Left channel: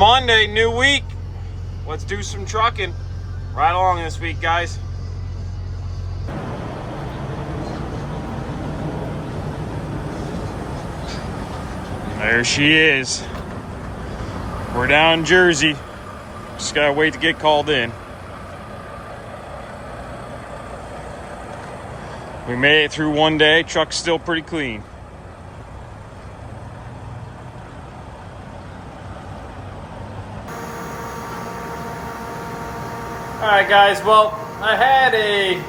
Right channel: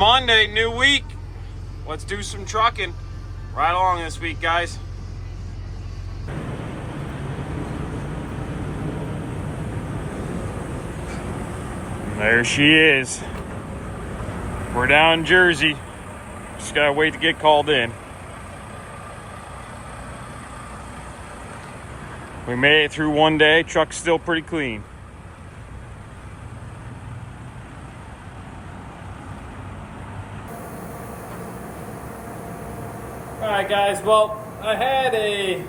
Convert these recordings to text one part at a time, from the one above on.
Monday, new week. Let's do some trucking. Right along this week, guys. There she is. We're down in Jersey. Just gotta wait to get called in. We made it through one day. Truck's still pretty clean. Alright guys, well, I had a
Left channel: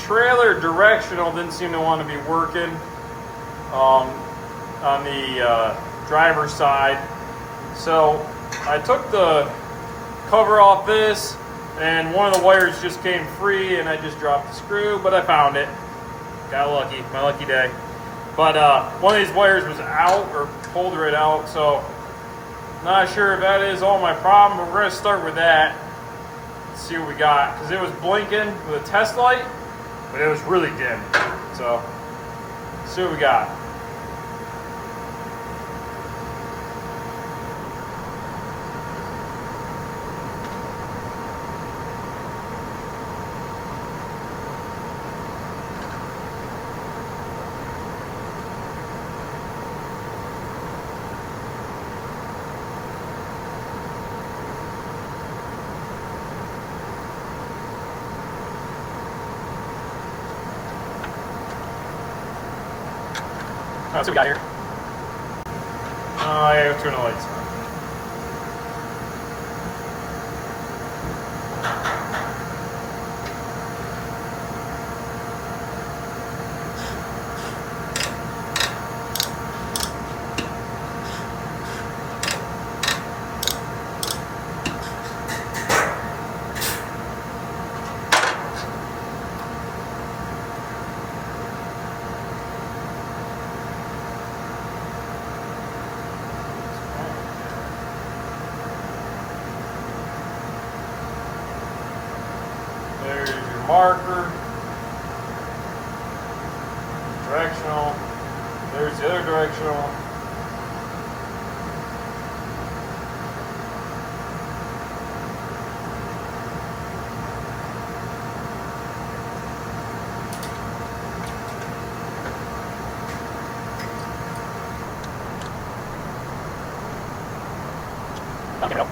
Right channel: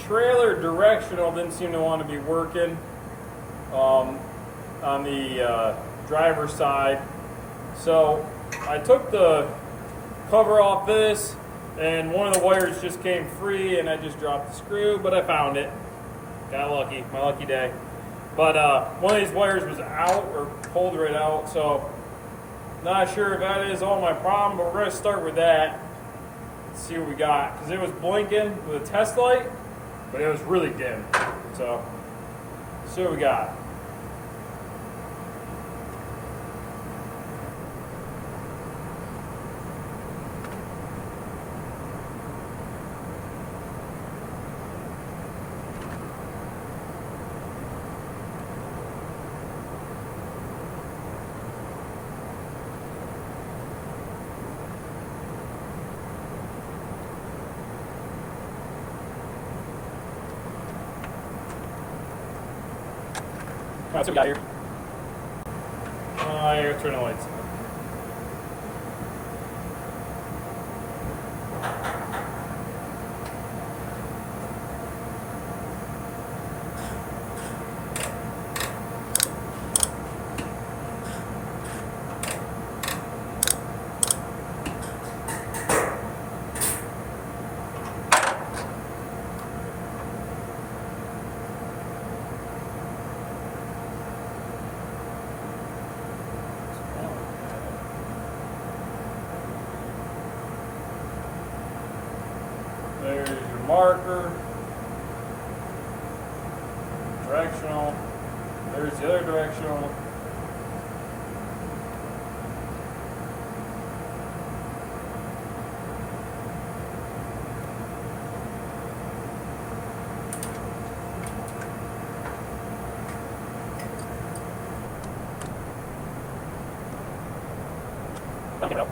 trailer directional, didn't seem to want to be working on the driver's side. So I took the cover off this and one of the wires just came free and I just dropped the screw, but I found it. Got lucky, my lucky day. But one of these wires was out or pulled right out, so not sure if that is all my problem, but we're gonna start with that. See what we got, because it was blinking with a test light, but it was really dim. So, see what we got. Oh, let's see what we got here. Oh, yeah, go turn the lights on. There's your marker, directional, there's the other directional. Okay, no.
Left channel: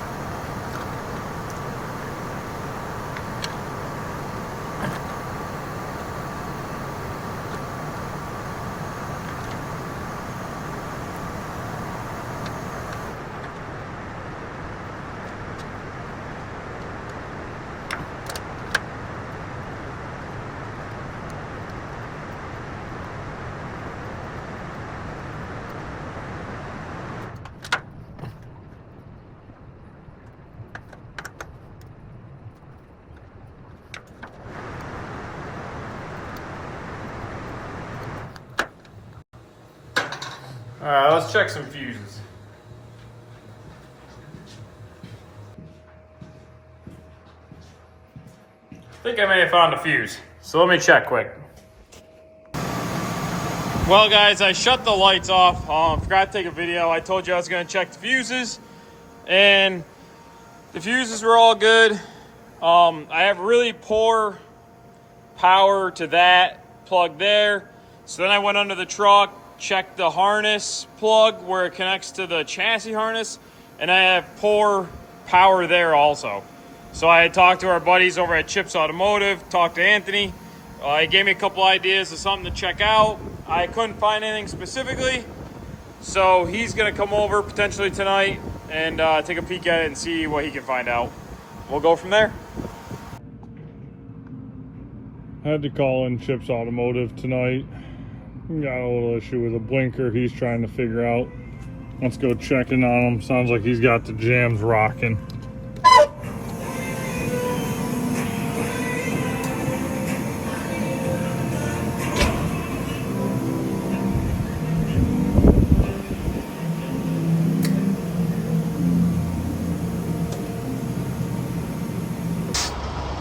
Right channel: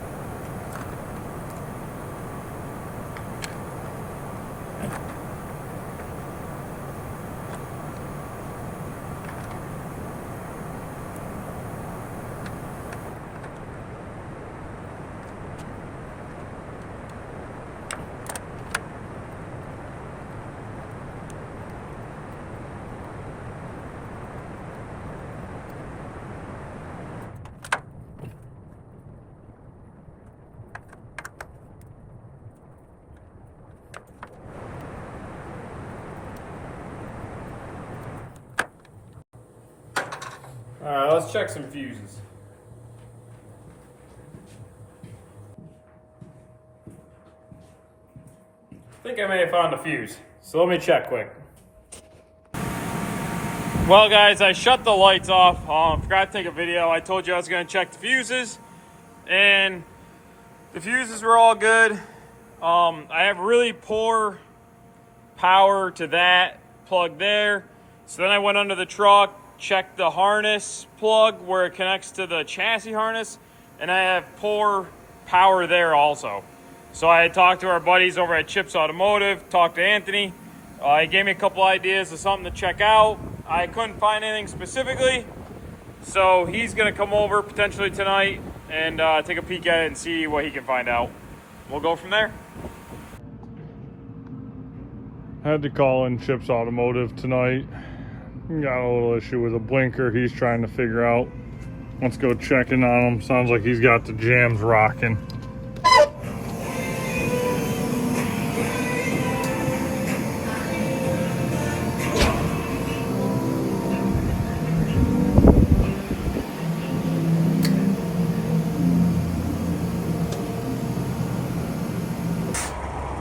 All right, let's check some fuses. I think I may have found a fuse, so let me check quick. Well guys, I shut the lights off. Forgot to take a video. I told you I was gonna check the fuses, and the fuses were all good. I have really poor power to that plug there. So then I went under the truck, checked the harness plug where it connects to the chassis harness, and I have poor power there also. So I had talked to our buddies over at Chips Automotive, talked to Anthony. He gave me a couple ideas of something to check out. I couldn't find anything specifically, so he's gonna come over potentially tonight and take a peek at it and see what he can find out. We'll go from there. I had to call in Chips Automotive tonight. Got a little issue with a blinker he's trying to figure out. Let's go check in on him. Sounds like he's got the jams rocking.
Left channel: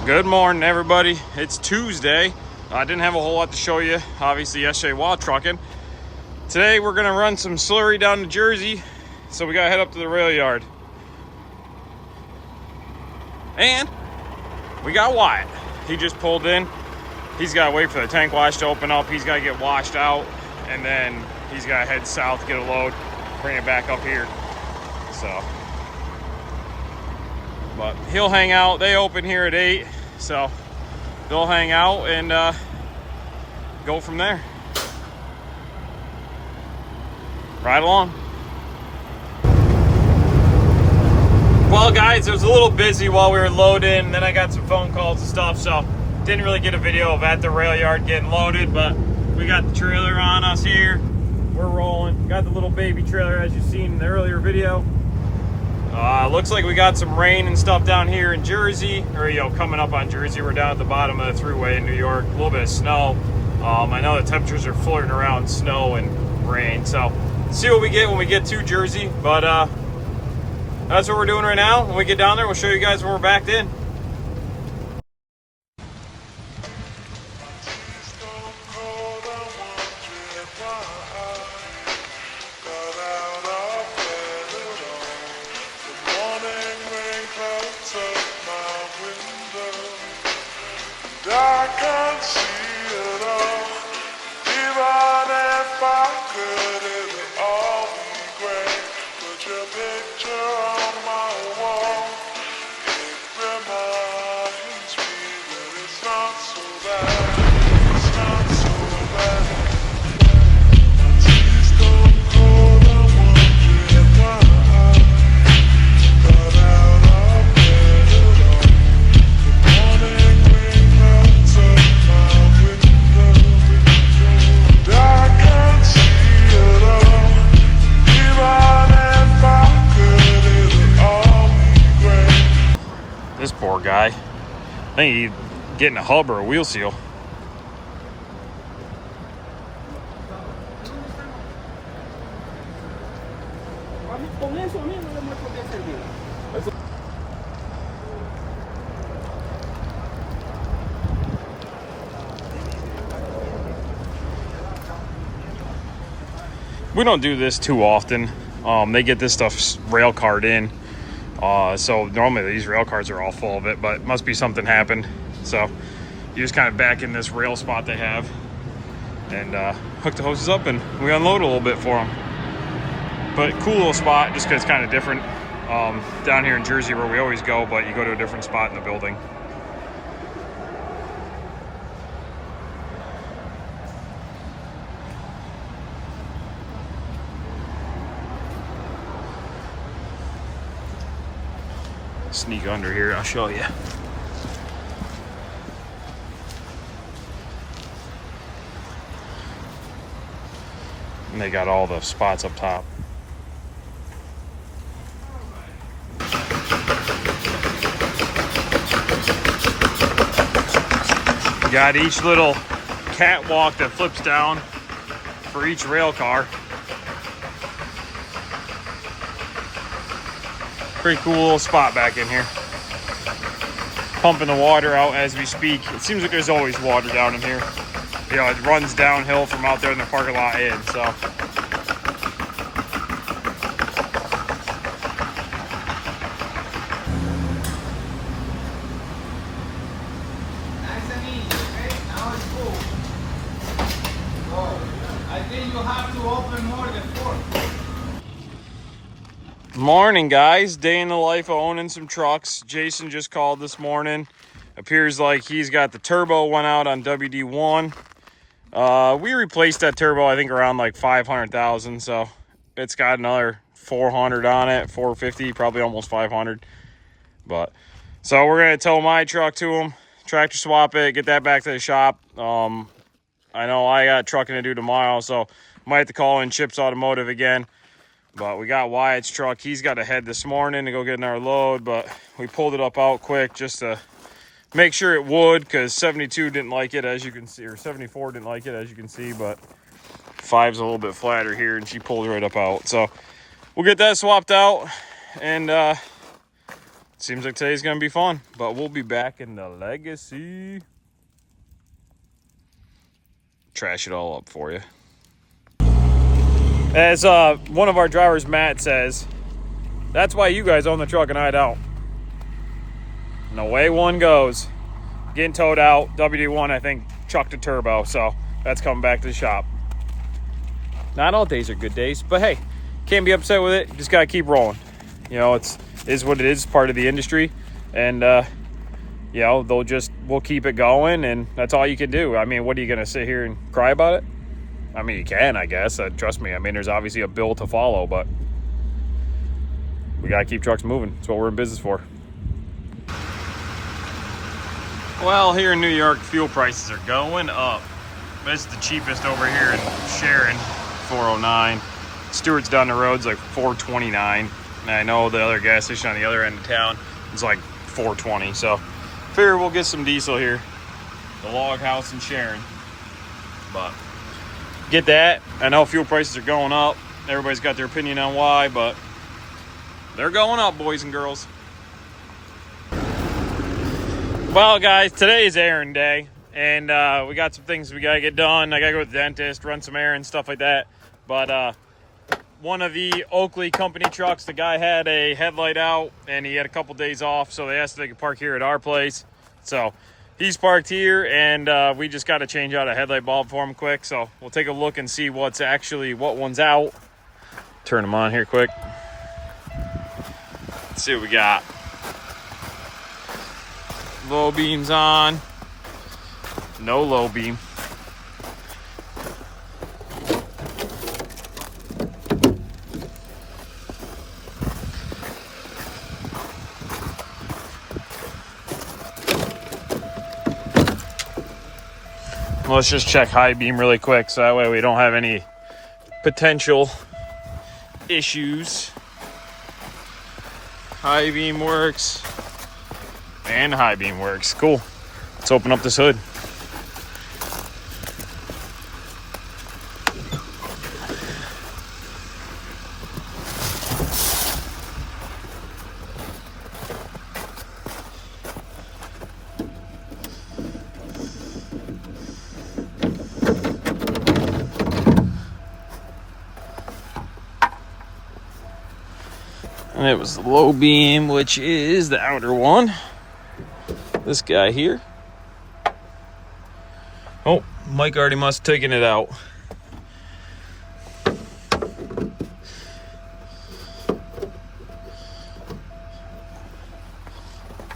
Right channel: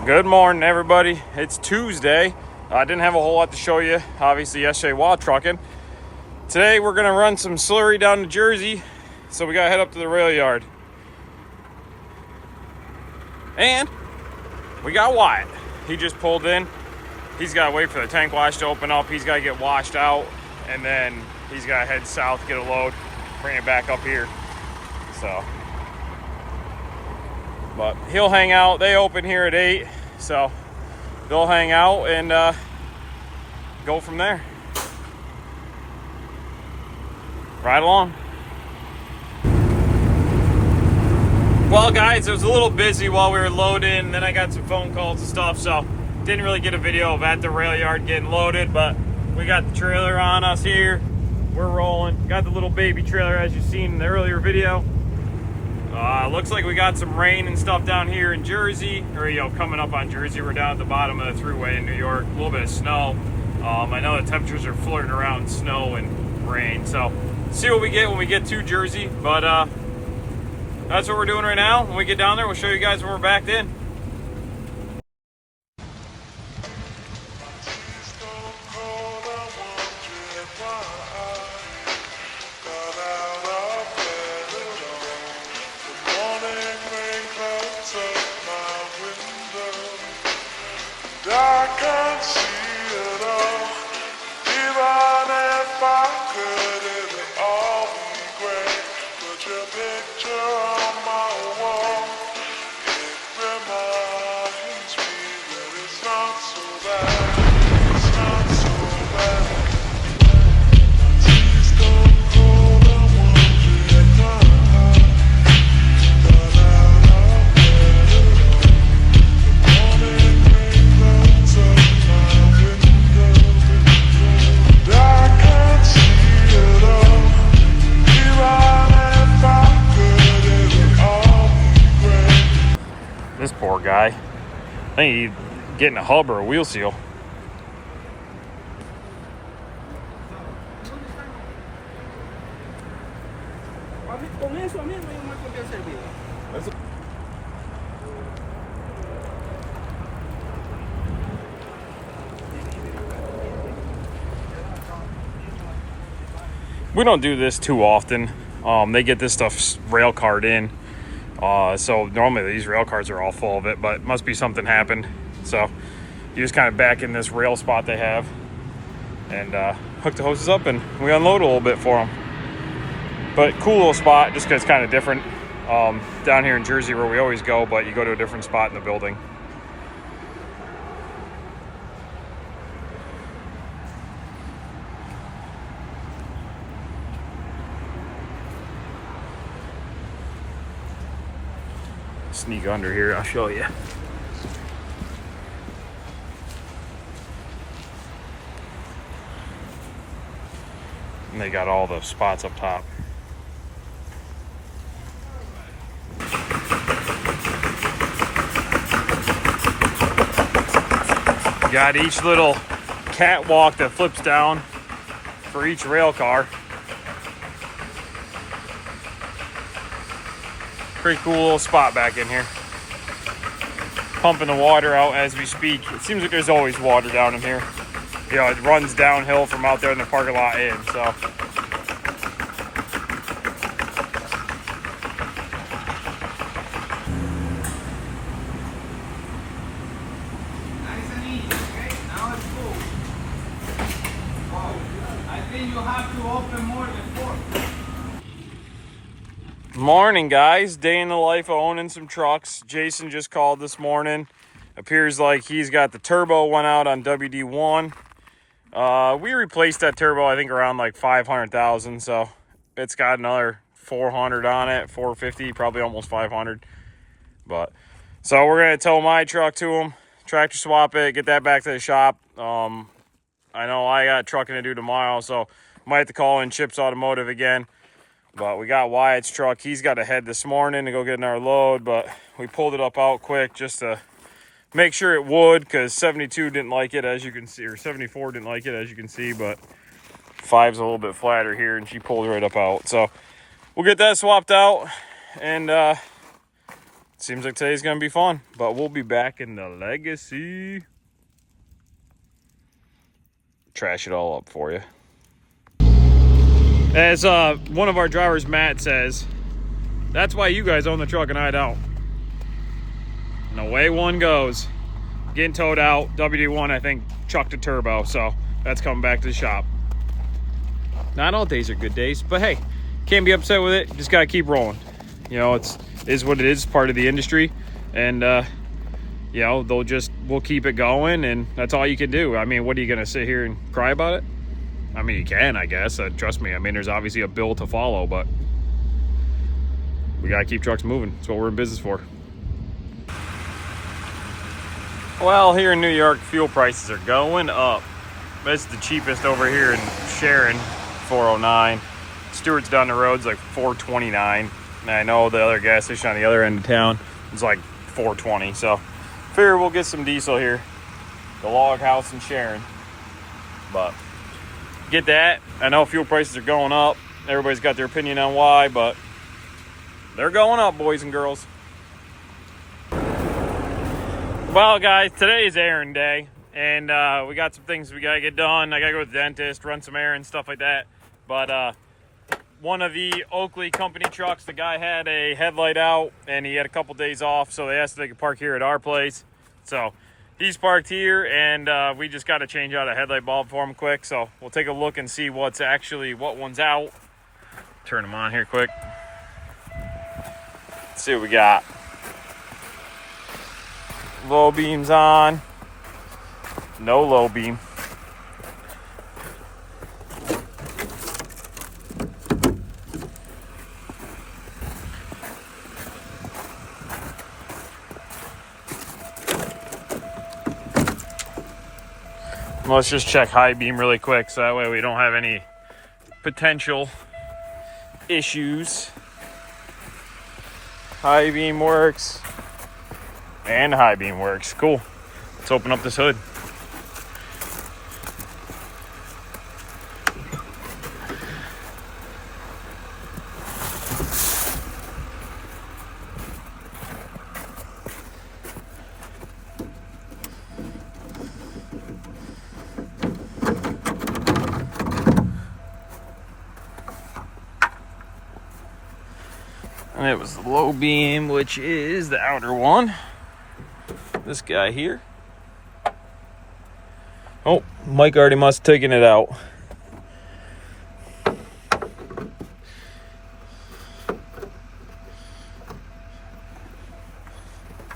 Good morning, everybody. It's Tuesday. I didn't have a whole lot to show you, obviously, yesterday while trucking. Today, we're gonna run some slurry down to Jersey, so we gotta head up to the rail yard. And we got Wyatt. He just pulled in. He's got to wait for the tank wash to open up. He's got to get washed out, and then he's got to head south, get a load, bring it back up here. So, but he'll hang out. They open here at 8, so they'll hang out and go from there. Right along. Well, guys, it was a little busy while we were loading, and then I got some phone calls and stuff, so didn't really get a video of at the rail yard getting loaded, but we got the trailer on us here. We're rolling. Got the little baby trailer as you've seen in the earlier video. Looks like we got some rain and stuff down here in Jersey, or coming up on Jersey. We're down at the bottom of the thruway in New York. A little bit of snow. I know the temperatures are flirting around snow and rain, so see what we get when we get to Jersey. But that's what we're doing right now. When we get down there, we'll show you guys when we're backed in. I can't see it all. Even if I could, it would all be great. Put your picture on my wall. It reminds me that it's not so bad. It's not so bad. Please don't go the one you got. But out of bed at all. The morning This poor guy. I think he's getting a hub or a wheel seal. We don't do this too often. They get this stuff rail card in. So normally these rail cars are all full of it, but it must be something happened. So you just kind of back in this rail spot they have and hook the hoses up, and we unload a little bit for them. But cool little spot, just because it's kind of different down here in Jersey where we always go, but you go to a different spot in the building. Sneak under here, I'll show you. And they got all the spots up top. Got each little catwalk that flips down for each rail car. Pretty cool little spot back in here. Pumping the water out as we speak. It seems like there's always water down in here. It runs downhill from out there in the parking lot in, so. Nice and easy, okay? Now it's full. So, I think you have to open more than 4. Morning, guys. Day in the life of owning some trucks. Jason just called this morning. Appears like he's got the turbo went out on WD1. We replaced that turbo, I think, around like 500,000. So it's got another 400 on it, 450, probably almost 500. But so we're gonna tow my truck to him, tractor swap it, get that back to the shop. I know I got trucking to do tomorrow, so might have to call in Chips Automotive again. But we got Wyatt's truck. He's got to head this morning to go get another load, but we pulled it up out quick just to make sure it would, because 72 didn't like it, as you can see, or 74 didn't like it, as you can see, but 5's a little bit flatter here, and she pulled right up out. So we'll get that swapped out, and seems like today's going to be fun, but we'll be back in the Legacy. Trash it all up for you. As one of our drivers, Matt, says, that's why you guys own the truck and I don't. And away one goes. Getting towed out. WD-1, I think, trucked a turbo. So that's coming back to the shop. Not all days are good days, but hey, can't be upset with it. Just got to keep rolling. You know, it is what it is, part of the industry. And, you know, we'll keep it going, and that's all you can do. I mean, what are you going to sit here and cry about it? I mean, you can, I guess. Trust me. I mean, there's obviously a bill to follow, but we got to keep trucks moving. That's what we're in business for. Well, here in New York, fuel prices are going up. It's the cheapest over here in Sharon, $4.09. Stewart's down the road's like $4.29. And I know the other gas station on the other end of town is like $4.20. So, figure we'll get some diesel here. The Log House in Sharon. But, get that. I know fuel prices are going up. Everybody's got their opinion on why, but they're going up, boys and girls. Well, guys, today is errand day, and we got some things we got to get done. I got to go to the dentist, run some errands, stuff like that. But one of the Oakley company trucks, the guy had a headlight out, and he had a couple days off, so they asked if they could park here at our place. So he's parked here, and we just got to change out a headlight bulb for him quick. So we'll take a look and see what one's out. Turn them on here quick. Let's see what we got. Low beam's on. No low beam. Let's just check high beam really quick so that way we don't have any potential issues. High beam works. And high beam works. Cool. Let's open up this hood. And it was the low beam, which is the outer one. This guy here. Oh, Mike already must have taken it out.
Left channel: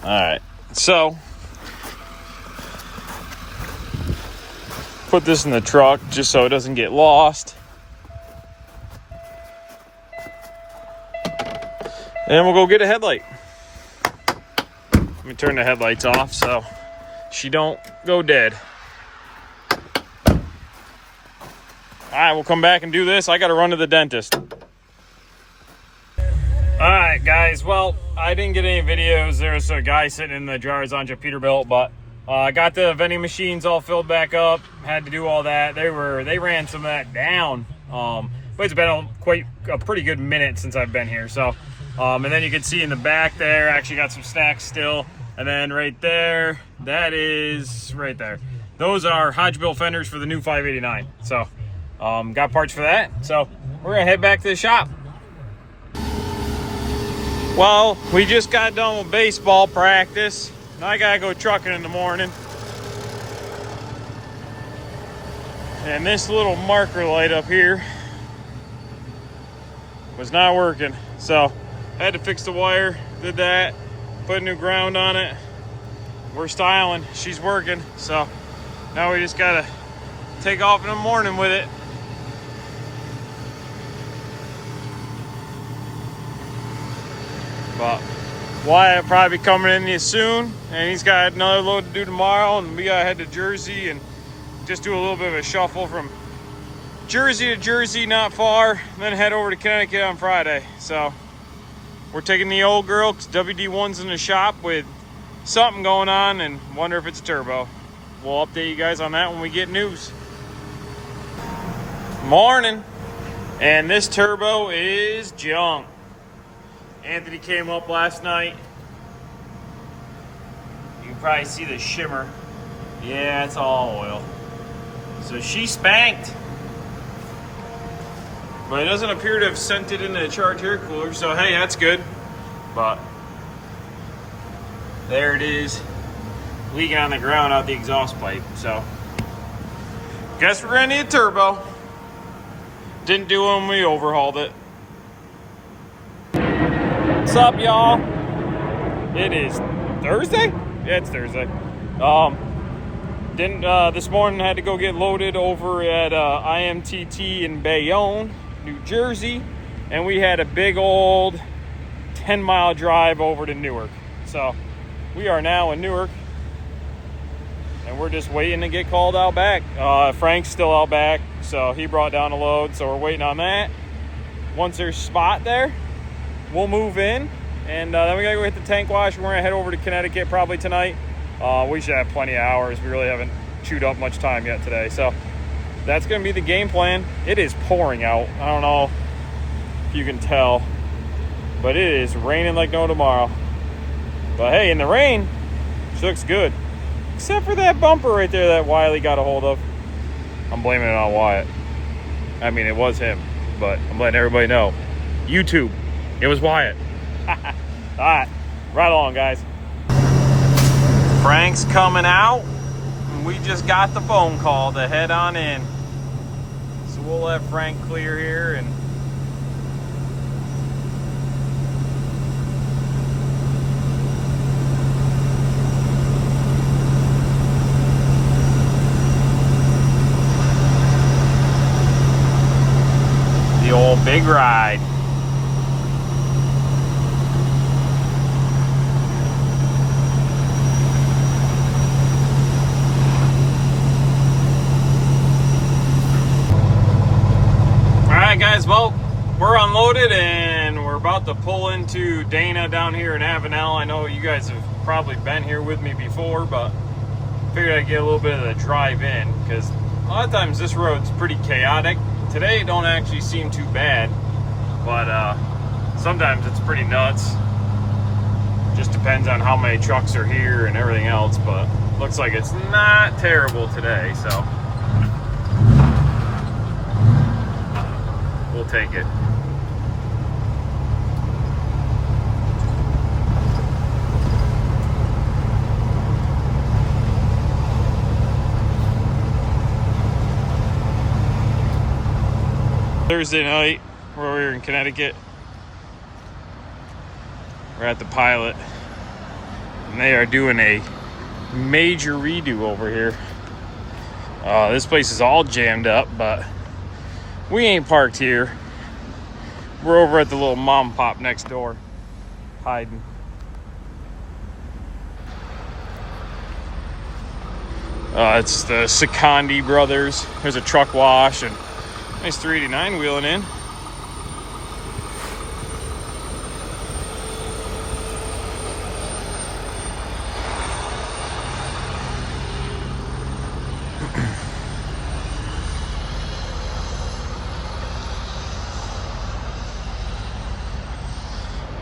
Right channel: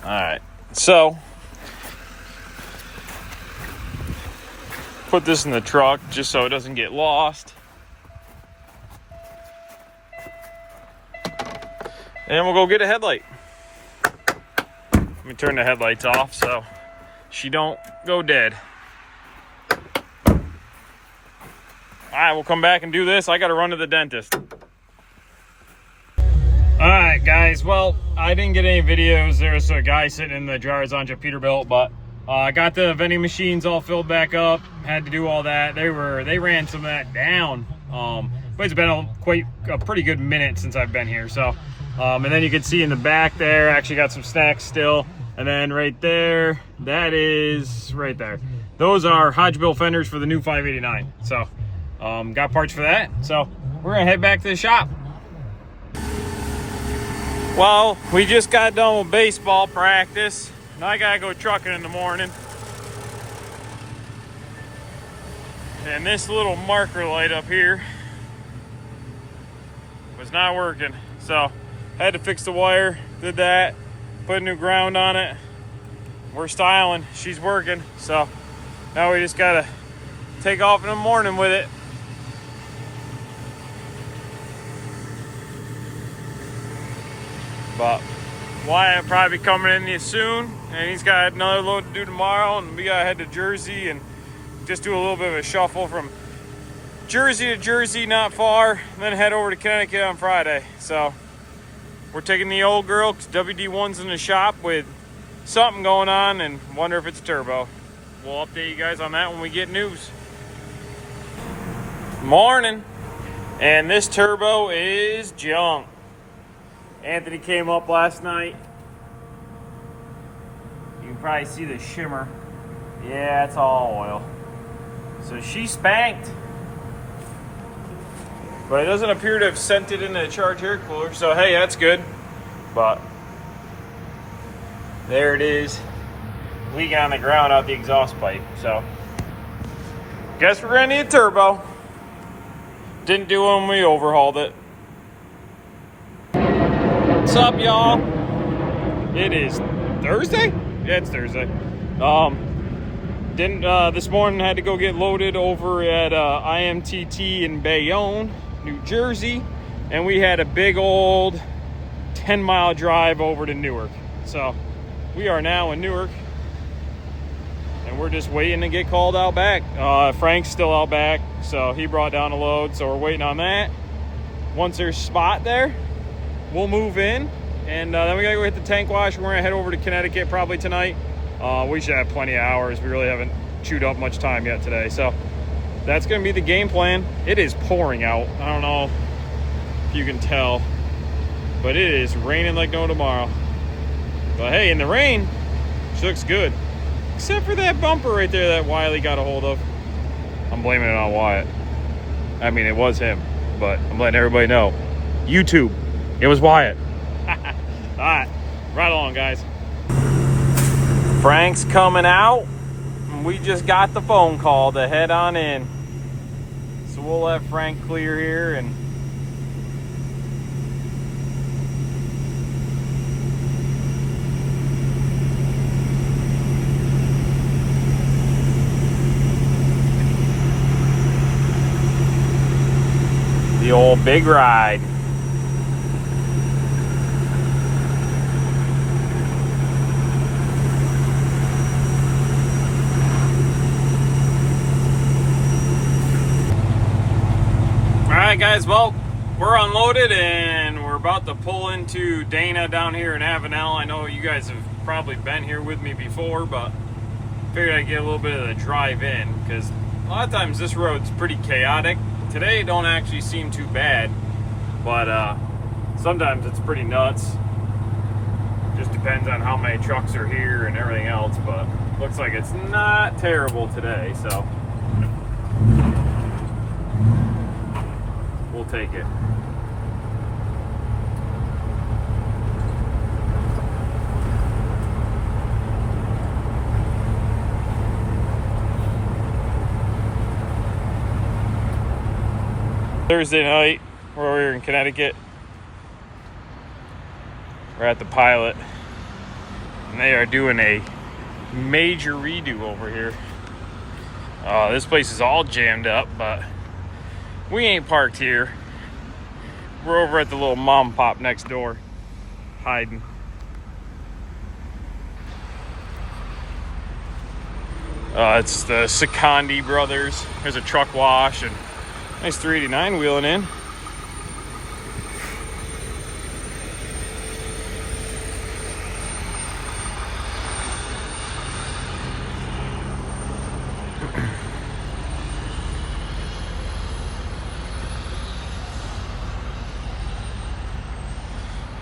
Alright, so put this in the truck just so it doesn't get lost. And we'll go get a headlight. Let me turn the headlights off so she don't go dead. All right, we'll come back and do this. I got to run to the dentist. All right, guys. Well, I didn't get any videos. There was a guy sitting in the driver's lounge at Peterbilt, but I got the vending machines all filled back up. Had to do all that. They ran some of that down. But it's been a pretty good minute since I've been here. So, and then you can see in the back there, actually got some snacks still. And then right there, that is right there. Those are Hodgebill fenders for the new 589. So, got parts for that. So, we're going to head back to the shop. Well, we just got done with baseball practice. Now I got to go trucking in the morning. And this little marker light up here was not working. So, had to fix the wire, did that. Put a new ground on it. We're styling. She's working. So now we just gotta take off in the morning with it. But Wyatt will probably be coming in here soon, and he's got another load to do tomorrow, and we gotta head to Jersey and just do a little bit of a shuffle from Jersey to Jersey, not far, and then head over to Connecticut on Friday. So we're taking the old girl because WD-1's in the shop with something going on and wonder if it's a turbo. We'll update you guys on that when we get news. Morning. And this turbo is junk. Anthony came up last night. You can probably see the shimmer. Yeah, it's all oil. So she spanked. But it doesn't appear to have sent it into the charge air cooler, so hey, that's good. But There it is, leaking on the ground out the exhaust pipe. So, guess we're gonna need a turbo. Didn't do it when we overhauled it. What's up, y'all? It is Thursday? Yeah, it's Thursday. This morning I had to go get loaded over at IMTT in Bayonne, New Jersey, and we had a big old 10-mile drive over to Newark. So we are now in Newark, and we're just waiting to get called out back. Frank's still out back, so he brought down a load, so we're waiting on that. Once there's a spot there, we'll move in, and then we gotta go hit the tank wash. We're gonna head over to Connecticut probably tonight. We should have plenty of hours. We really haven't chewed up much time yet today, so that's gonna be the game plan. It is pouring out. I don't know if you can tell, but it is raining like no tomorrow. But hey, in the rain, she looks good. Except for that bumper right there that Wiley got a hold of. I'm blaming it on Wyatt. I mean, it was him, but I'm letting everybody know. YouTube, it was Wyatt. All right, right along, guys. Frank's coming out, and we just got the phone call to head on in. So we'll let Frank clear here and the old big ride. Alright guys, well, we're unloaded and we're about to pull into Dana down here in Avenel. I know you guys have probably been here with me before, but figured I'd get a little bit of the drive in, because a lot of times this road's pretty chaotic. Today it don't actually seem too bad, but sometimes it's pretty nuts. Just depends on how many trucks are here and everything else, but looks like it's not terrible today, so we'll take it. Thursday night, we're here in Connecticut. We're at the Pilot, and they are doing a major redo over here. This place is all jammed up, but we ain't parked here. We're over at the little mom and pop next door, hiding. It's the Secondi brothers. There's a truck wash and nice 389 wheeling in.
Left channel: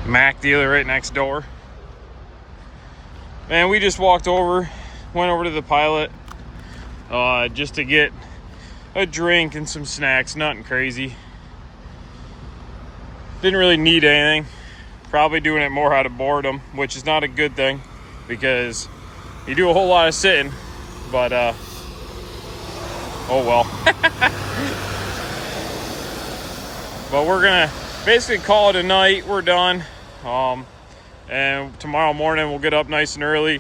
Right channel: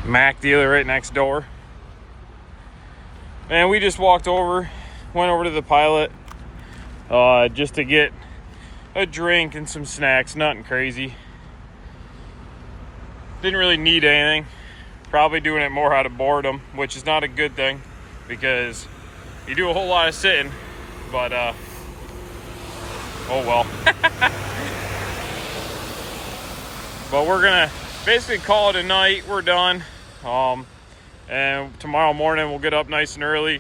Mac dealer right next door. And we just went over to the Pilot just to get a drink and some snacks, nothing crazy. Didn't really need anything. Probably doing it more out of boredom, which is not a good thing because you do a whole lot of sitting, but oh well. But we're gonna basically call it a night. We're done. And tomorrow morning we'll get up nice and early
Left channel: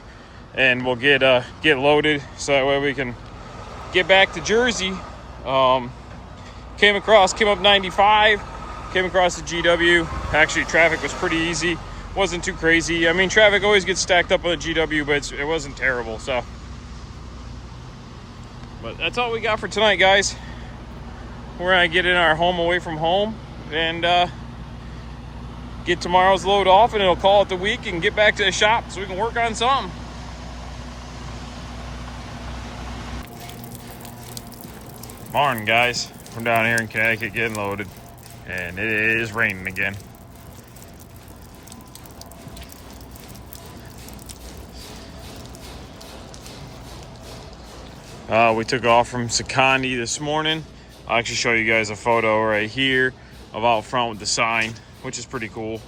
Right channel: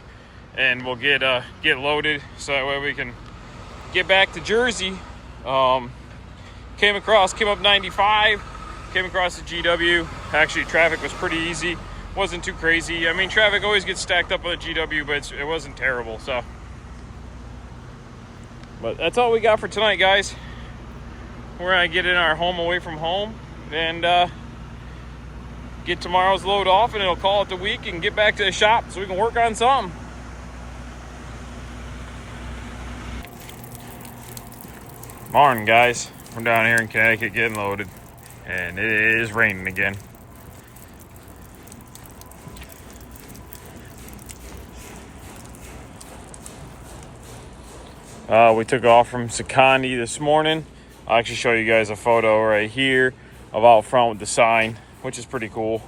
and we'll get loaded so that way we can get back to Jersey. Came up 95, came across the GW. Actually, traffic was pretty easy. Wasn't too crazy. I mean, traffic always gets stacked up on the GW, but it wasn't terrible, so. But that's all we got for tonight, guys. We're gonna get in our home away from home and get tomorrow's load off, and it'll call it the week and get back to the shop so we can work on something. Morning, guys. We're down here in Connecticut getting loaded, and it is raining again. We took off from Secondi this morning. I'll actually show you guys a photo right here of out front with the sign, which is pretty cool.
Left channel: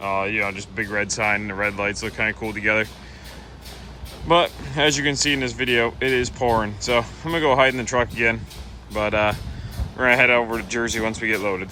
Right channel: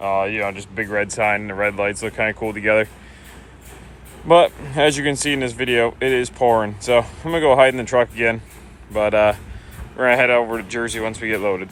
You know, just big red sign and the red lights look kind of cool together. But as you can see in this video, it is pouring. So I'm gonna go hide in the truck again. But we're gonna head over to Jersey once we get loaded.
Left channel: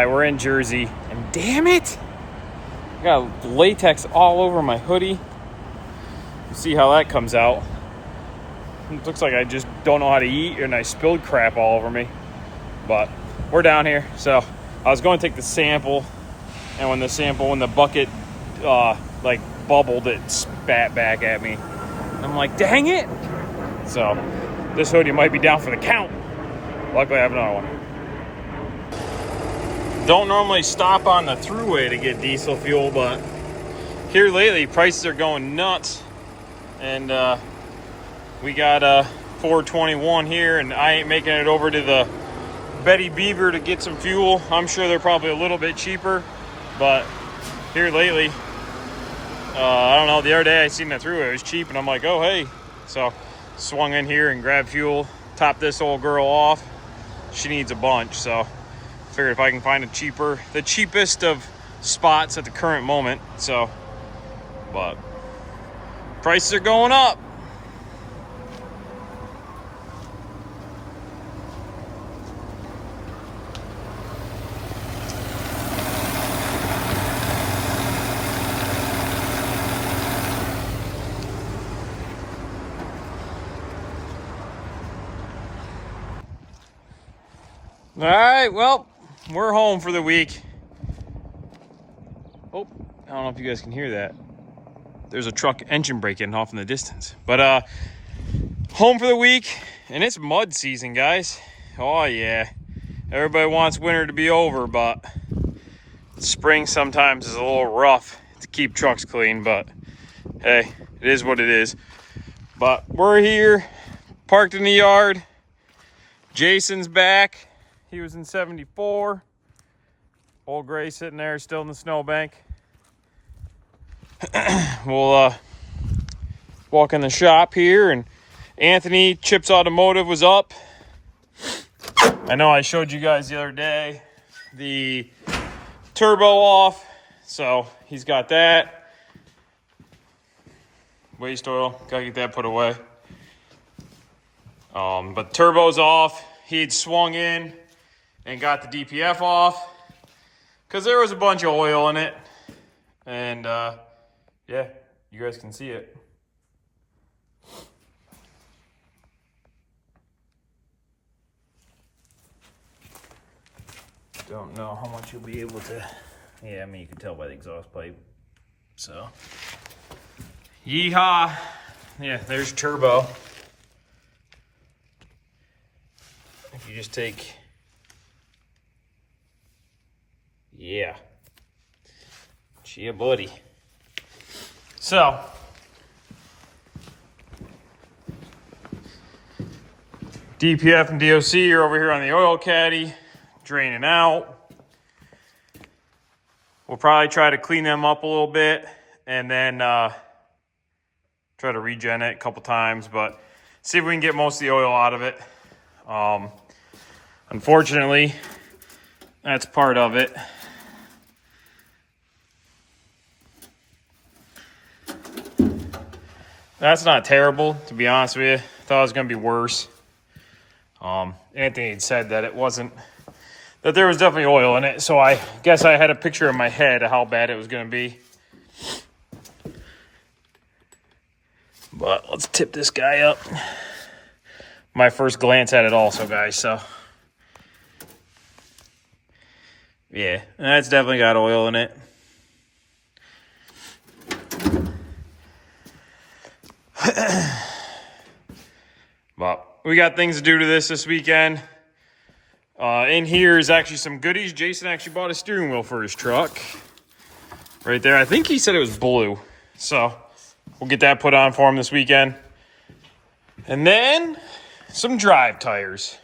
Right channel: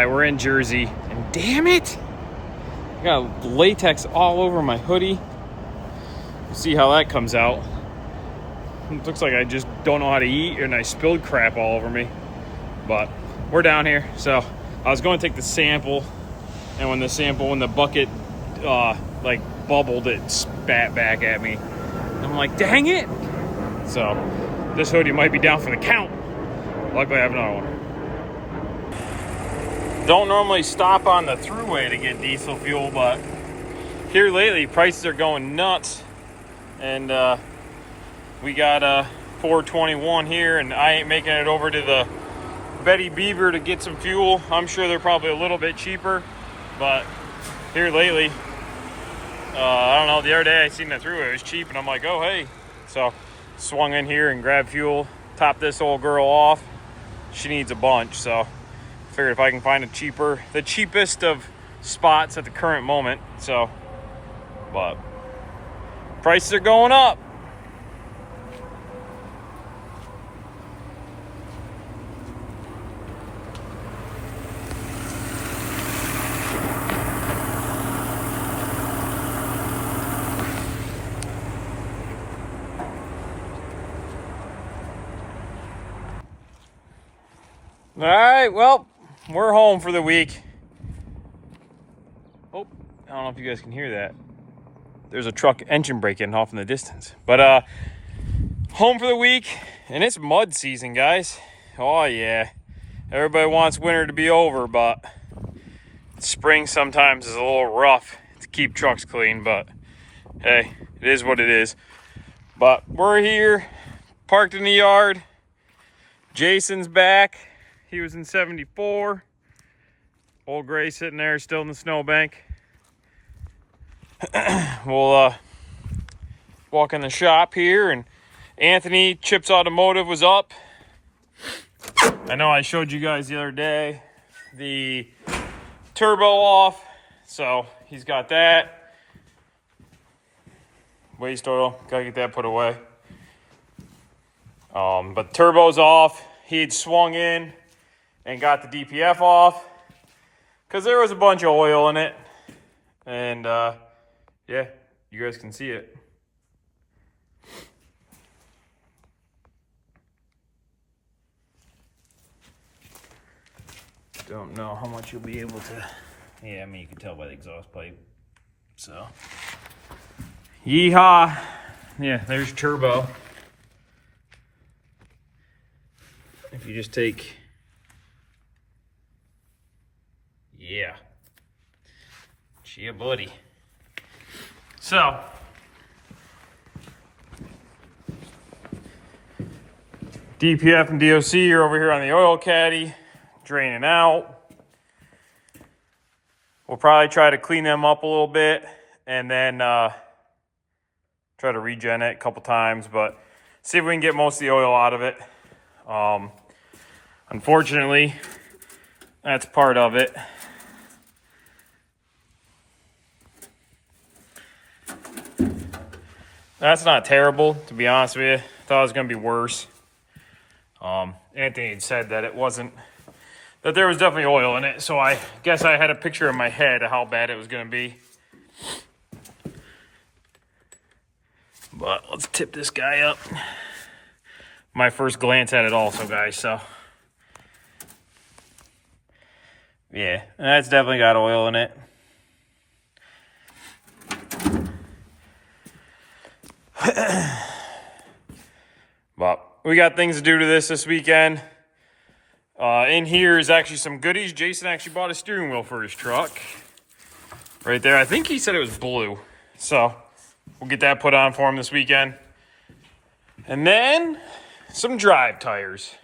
We're in Jersey, and damn it, I got latex all over my hoodie. We'll see how that comes out. It looks like I just don't know how to eat, and I spilled crap all over me. But we're down here, so I was going to take the sample, and when the bucket like bubbled, it spat back at me. And I'm like, dang it! So this hoodie might be down for the count. Luckily, I have another one. Don't normally stop on the thruway to get diesel fuel, but here lately prices are going nuts, and we got a 421 here, and I ain't making it over to the Betty Beaver to get some fuel. I'm sure they're probably a little bit cheaper, but here lately, I don't know, the other day I seen that thruway, it was cheap, and I'm like, oh hey, so swung in here and grabbed fuel, topped this old girl off. She needs a bunch, so figure if I can find the cheapest of spots at the current moment. So, but prices are going up. All right, well, we're home for the week. Oh, I don't know if you guys can hear that. There's a truck engine brake getting off in the distance. But home for the week, and it's mud season, guys. Oh yeah, everybody wants winter to be over, but spring sometimes is a little rough to keep trucks clean, but hey, it is what it is. But we're here, parked in the yard. Jason's back. He was in 74. Old Gray sitting there still in the snowbank. We'll walk in the shop here, and Anthony, Chips Automotive, was up. I know I showed you guys the other day the turbo off, so he's got that. Waste oil, gotta get that put away. But turbo's off. He'd swung in and got the DPF off because there was a bunch of oil in it, and yeah, you guys can see it. Don't know how much you'll be able to, yeah, I mean, you can tell by the exhaust pipe. So, yeehaw. Yeah, there's turbo. If you just take, yeah, yeah, buddy. So, DPF and DOC are over here on the oil caddy, draining out. We'll probably try to clean them up a little bit, and then try to regen it a couple times, but see if we can get most of the oil out of it. Unfortunately, that's part of it. That's not terrible, to be honest with you. Thought it was going to be worse. Anthony had said that it wasn't, that there was definitely oil in it. So I guess I had a picture in my head of how bad it was going to be. But let's tip this guy up. My first glance at it also, guys, so. Yeah, that's definitely got oil in it. But we got things to do to this weekend. In here is actually some goodies. Jason actually bought a steering wheel for his truck. Right there. I think he said it was blue. So we'll get that put on for him this weekend. And then some drive tires.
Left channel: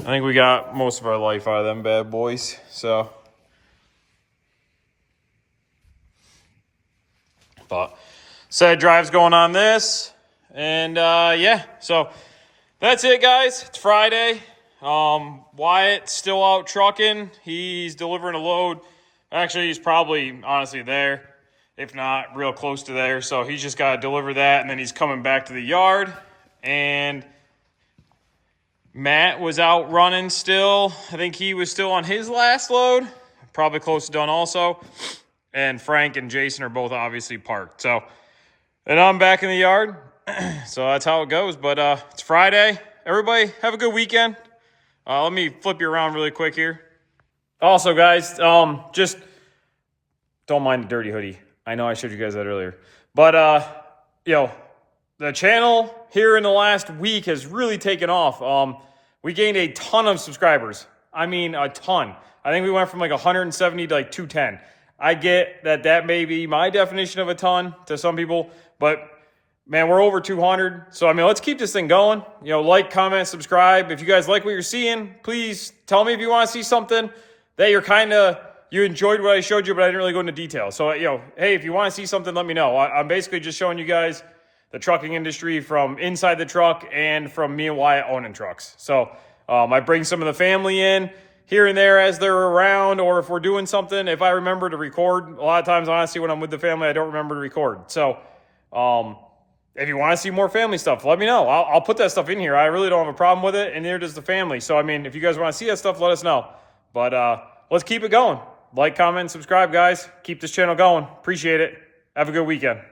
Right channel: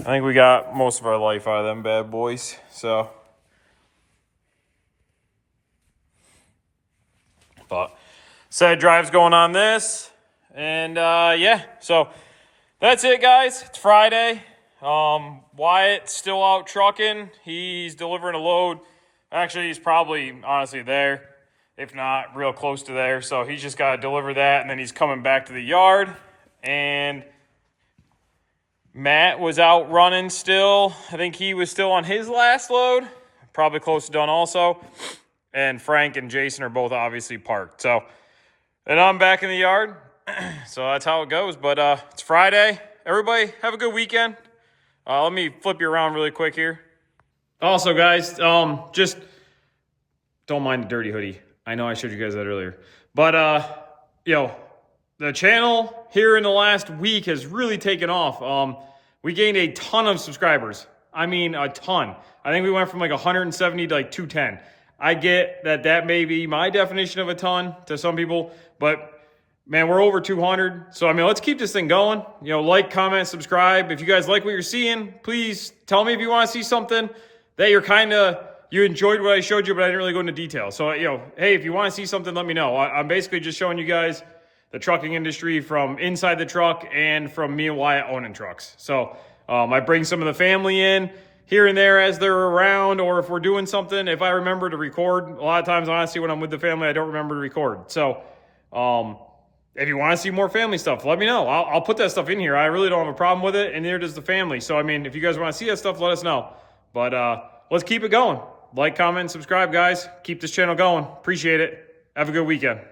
I think we got most of our life out of them bad boys. So, but set of drives going on this. And yeah, so that's it, guys. It's Friday. Wyatt's still out trucking. He's delivering a load. Actually, he's probably honestly there, if not real close to there. So he's just got to deliver that, and then he's coming back to the yard. And Matt was out running still. I think he was still on his last load. Probably close to done also. And Frank and Jason are both obviously parked. So, and I'm back in the yard. So that's how it goes. But it's Friday. Everybody have a good weekend. Let me flip you around really quick here. Also, guys, just don't mind the dirty hoodie. I know I showed you guys that earlier. But, the channel here in the last week has really taken off. We gained a ton of subscribers. I mean, a ton. I think we went from like 170 to like 210. I get that may be my definition of a ton to some people, but man, we're over 200. So, I mean, let's keep this thing going. Like, comment, subscribe. If you guys like what you're seeing, please tell me if you want to see something that you enjoyed what I showed you, but I didn't really go into detail. So, hey, if you want to see something, let me know. I'm basically just showing you guys the trucking industry from inside the truck and from me and Wyatt owning trucks. So I bring some of the family in here and there as they're around, or if we're doing something, if I remember to record. A lot of times, honestly, when I'm with the family, I don't remember to record. So if you want to see more family stuff, let me know. I'll put that stuff in here. I really don't have a problem with it, and neither does the family. So, I mean, if you guys want to see that stuff, let us know. But let's keep it going. Like, comment, and subscribe, guys. Keep this channel going. Appreciate it. Have a good weekend.